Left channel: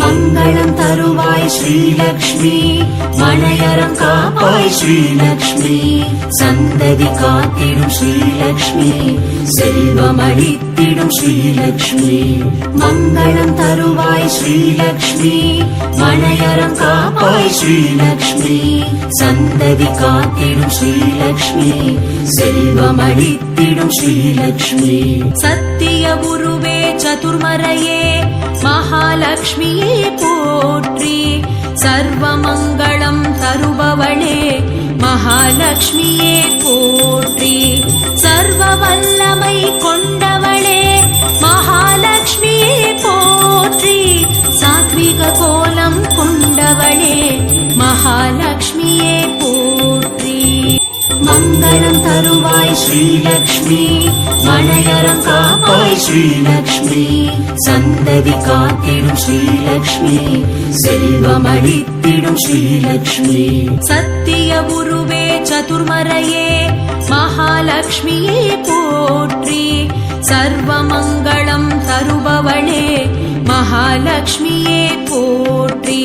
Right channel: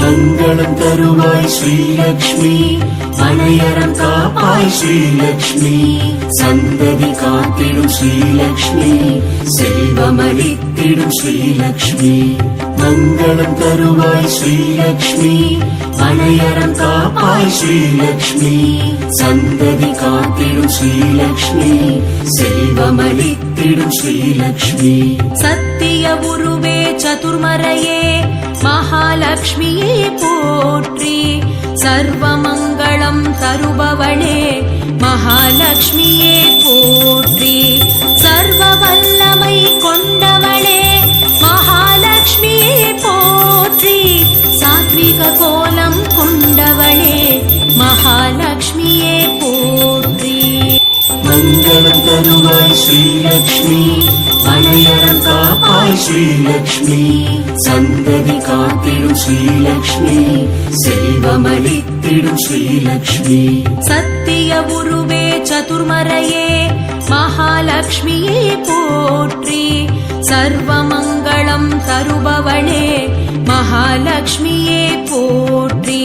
மங்களம் தருவாய் ஸ்ரீலக்ஷ்மி, மனையறம் காப்பாய் ஸ்ரீலக்ஷ்மி, சந்ததி காத்திடும் ஸ்ரீலக்ஷ்மி, செல்வமளித்திடும் ஸ்ரீலக்ஷ்மி. மங்களம் தருவாய் ஸ்ரீலக்ஷ்மி, மனையறம் காப்பாய் ஸ்ரீலக்ஷ்மி, சந்ததி காத்திடும் ஸ்ரீலக்ஷ்மி, செல்வமளித்திடும் ஸ்ரீலக்ஷ்மி. சத்திய உருவே சதுர்மறையே மகாலட்சுமியே போற்றி, சர்வமங்களம் தருபவளே மகாலட்சுமியே போற்றி, சர்வ வல்லமை கொண்டவளே மகாலட்சுமியே போற்றி, சாத்விக கோலம் கொண்டவளே மகாலட்சுமியே போற்றி. மங்களம் தருவாய் ஸ்ரீலக்ஷ்மி, மனையறம் காப்பாய் ஸ்ரீலக்ஷ்மி, சந்ததி காத்திடும் ஸ்ரீலக்ஷ்மி, செல்வமளித்திடும் ஸ்ரீலக்ஷ்மி. சத்திய உருவே சதுர்மறையே மகாலட்சுமியே போற்றி, சர்வமங்களம் தருபவளே மகாலட்சுமியே போற்றி.